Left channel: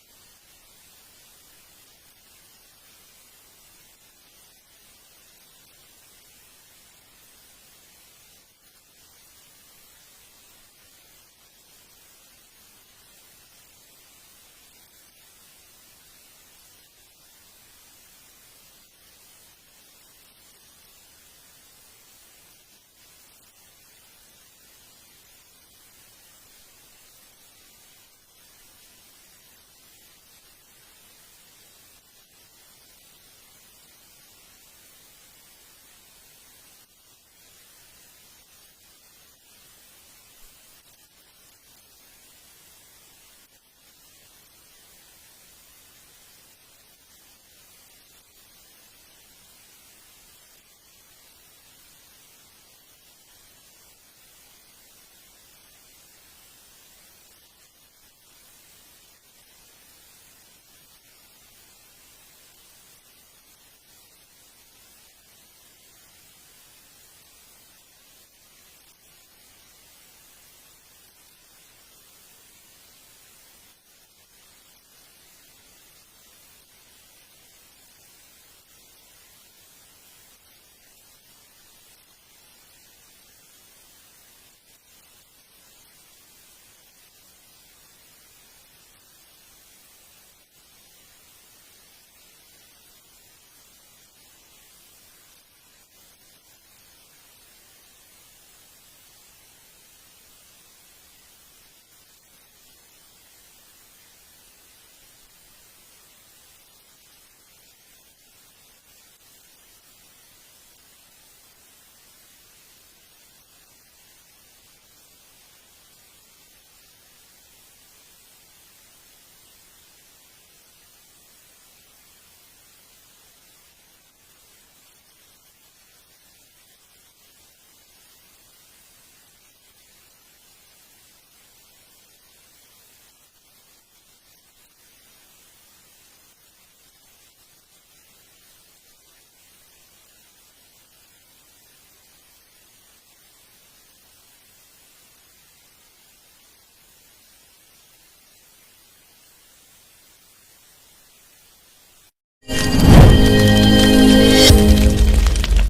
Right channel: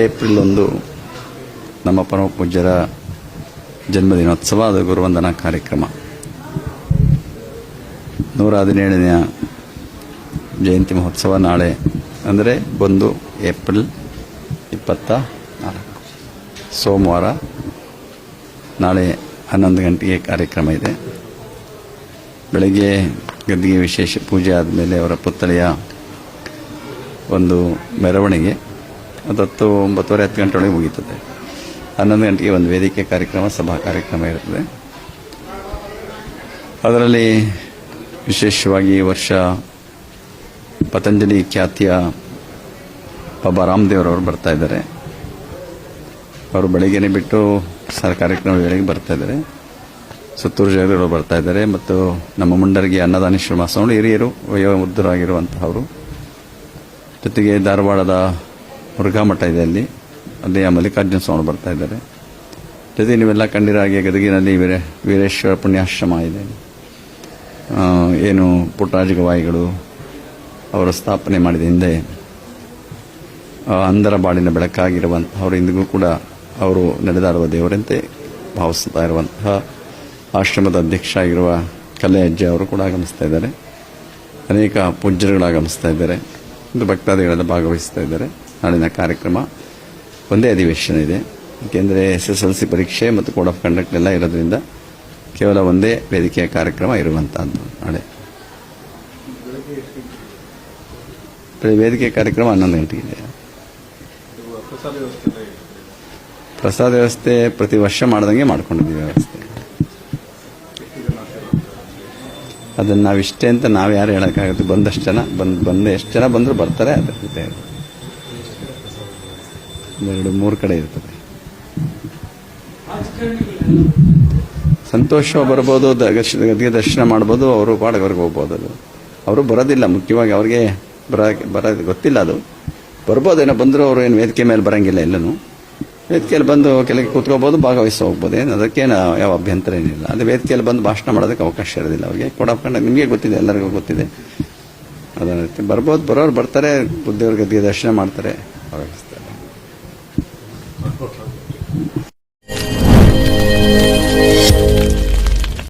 April ಒಂದು ನಮ್ಮ ಪರಮ ಪೂಜ್ಯರ ಜನ್ಮದಿನೋತ್ಸವ ಅದು ಗುರುವಂದನಾ ಕಾರ್ಯಕ್ರಮ. ನೂರ ಹದಿನೇಳನೆಯ ಜಯಂತಿ ಮಹೋತ್ಸವ ನಾಳೆ, ಅಂದರೆ ಒಂದು ಏಪ್ರಿಲ್ ಇಪ್ಪತ್ತ ನಾಲ್ಕು. ಸೋಮವಾರ ನಾಳೆ ಹನ್ನೊಂದು ಗಂಟೆಗೆ ಕಾರ್ಯಕ್ರಮ ಇದೆ. ಬೆಳಗ್ಗೆ ಗದ್ದಿಗೆ ವಿಶೇಷ ಪೂಜೆ ಆದಮೇಲೆ ಅವರ ಪುತ್ಥಳಿಯ ಒಂದು ಮೆರವಣಿಗೆ. ಅದು ಹತ್ತು ಒಂಬತ್ತುವರೆ ಹತ್ತು ಗಂಟೆ ಒಳಗೆ ಮುಗೀತದೆ. ಹನ್ನೊಂದು ಗಂಟೆಗೆ ಒಂದು ವೇದಿಕೆ ಕಾರ್ಯಕ್ರಮ, ಸಭಾ ಕಾರ್ಯಕ್ರಮ ಇರ್ತದೆ. ಅದರಲ್ಲಿ ವಿಶೇಷವಾಗಿ ವರ್ಷ ಪತಂಜಲಿ ಖ್ಯಾತಿಯ ಬಾಬಾ ರಾಮದೇವರವರು ಬರ್ತಾ ಇದ್ದಾರೆ. ಅವರು ಬೆಳಗ್ಗೆನೆ ಬಿಟ್ಟು ಸರ್ ಕಾರ್ಯಕ್ರಮ ವೇಳೆಗೆ ಬರ್ತಾ ಇದ್ದಾರೆ. ಸುತ್ತೂರು ಜಗದವರು ಬರ್ತಾ ಇದ್ದಾರೆ ಮತ್ತು ನಮ್ಮ ಮುಂಡರಿಗೆ ಅನ್ನದಾನೇಶ್ವರ ಮಾಸಗಳು ಹಿರಿಯರು, ವಯೋವೃದ್ಧರಾಗಿರುವಂತಹವರು. ಜೊತೆಗೆ ಧಾರವಾಡದ ಮುರುಘಾ ಮಠ ಇದೆ ಅಲ್ಲಿ. ಅಲ್ಲಿ ಮಲ್ಲಿಕಾರ್ಜುನ ಸ್ವಾಮಿ ಬರ್ತಾ ಇದ್ದಾರೆ. ಜೊತೆಗೆ ನೀವೆಲ್ಲ ಕಂಡಿರಾಗೆ ಗದಗಿನಲ್ಲಿ ವೀರ, ವೀರೇಶ್ವರ ಪುಣ್ಯಾಶ್ರಮ ಇದೆ ಏನು ಪುಟ್ಟರಾಜ ಗವಾಯಿಗಳು ಅವರು ಸ್ಥಾಪನೆ ಮಾಡಿದ ಹಿಂದೆ ಅಂಧರ ಬಾಳಿನ ಬೆಳಕಾಗಿರುವಂತಹವರು ಇಂದಿಗೂ ಕೂಡ ಅವರು ನಡೆದಾಡುವ ದೇವರಂತೆ ಭಾವಿಸ್ತಾ ಇರುವಂತಹ ಆಶ್ರಮದ ಅಧ್ಯಕ್ಷ ಆಗಿರುವ ಕಲೆ ಅಜ್ಜೆ ಅವರು ಕೂಡ ಆಗಮಿಸ್ತಾ ಇದ್ದಾರೆ. ಅನೇಕ ಪೂಜ್ಯರುಗಳು ಆಗಮಿಸ್ತಾ ಇದ್ದಾರೆ ಭಕ್ತಾದಿಗಳೆಲ್ಲ ಭಾಗವಹಿಸ್ತಾ ಇದ್ದಾರೆ. ನಾಳಿನ ಕಾರ್ಯಕ್ರಮ. ಒಂದೇ ಅಧಿವೇಶನ ಇದೆ. ಏಕೆಂದರೆ ಎಸ್ ಎಸ್ ಎಲ್ ಸಿ ಪರೀಕ್ಷೆ ಮತ್ತು ಕೋಡ್ ಆಫ್ ಕಂಡಕ್ಟ್ ಎಲ್ಲ ಇರೋದ್ರಿಂದ ಕೇವಲ ಒಂದೇ ವೇದಿಕೆಯ ಕಾರ್ಯಕ್ರಮ ಇರುವಂತಹದ್ದು ನಾಳೆ. ವೇದಿಕೆ ಕಾರ್ಯಕ್ರಮ ಹನ್ನೊಂದು ಗಂಟೆಗೆ. ಇದೆ ಪ್ರಸಾದ ವ್ಯವಸ್ಥೆ ಪ್ರತಿ ವರ್ಷ ಮಾಡ್ದಂಗೆ ಮಾಡ್ಕೊಂಡಿದ್ದೀವಿ ವ್ಯವಸ್ಥೆ. ಅದನ್ನು ನಾವು ಇಷ್ಟೇ ಅಂತ ನಾವು ಯಾರು ಹೇಳೋಕ್ಕಾಗುತ್ತೆ ಬಂದಷ್ಟು ಜನ ಬಂದು ಬಂದು ಎಷ್ಟು ಜನ ಬಂದರೂ ಬರ್ತಾರೆ ಅದಕ್ಕೆ ಒಂದೆರಡು ಮೂರು ಕಡೆ ಇರ್ತದೆ. ಸಂತೋಷ ಬರ್ಬೋದು ಗದ್ಗೆ ದರ್ಶನ ಮಾಡ್ಬೋದು ಅವರು ಪಾಡಗವ್ರಿಗೆ ಹೋಗ್ಬೋದು ಅದು. ಅವರು ಬರೋದಿಲ್ಲ ಮುಖ್ಯವಾಗಿ ಅವ್ರಿಗೆ ಬರ ಬರೋದು ಗೊತ್ತಿಲ್ಲ ಅದು. ಬರ್ಬೋದೇನೋ ಬಂದರೂ ಅವರು ಏನು ವೇದಿಕೆ ಮೇಲೆ ಬರೋಂಗಿಲ್ಲ ಎಲ್ಲೂ ವೇದಿಕೆಯಲ್ಲಿ ಬಂದು ಕೆಳಗೆ ಕೂತ್ಕೋಬೋದು ಭಾಗವಹಿಸಿ ಹೋಗ್ಬೋದು. ಏನು ಅದಕ್ಕೇನು ಯಾವ ಅಭ್ಯಂತರ ಏನಿಲ್ಲ. ಅದೇ ವೇದಿಕೆಯಲ್ಲಿ ಬಂದು ಭಾಷಣ ಮಾಡೋದಕ್ಕೆ ಅವಕಾಶ ಇರೋದಿಲ್ಲ ಅವ್ರಿಗೆ. ಕೊಡಪ್ಕೊಂಡು ನಿಮಗೆ ಗೊತ್ತಿದೆ ಎಲ್ಲರಿಗೂ ಗೊತ್ತಿದೆ. ಅದನ್ನ ಬರ್ಬೋದು ಬರೋರು ಬರ್ತಾರೆ ಬುದ್ಧಿಯವ್ರ ಗದ್ದಿಗೆ ದರ್ಶನ ಮಾಡ್ತಾರೆ.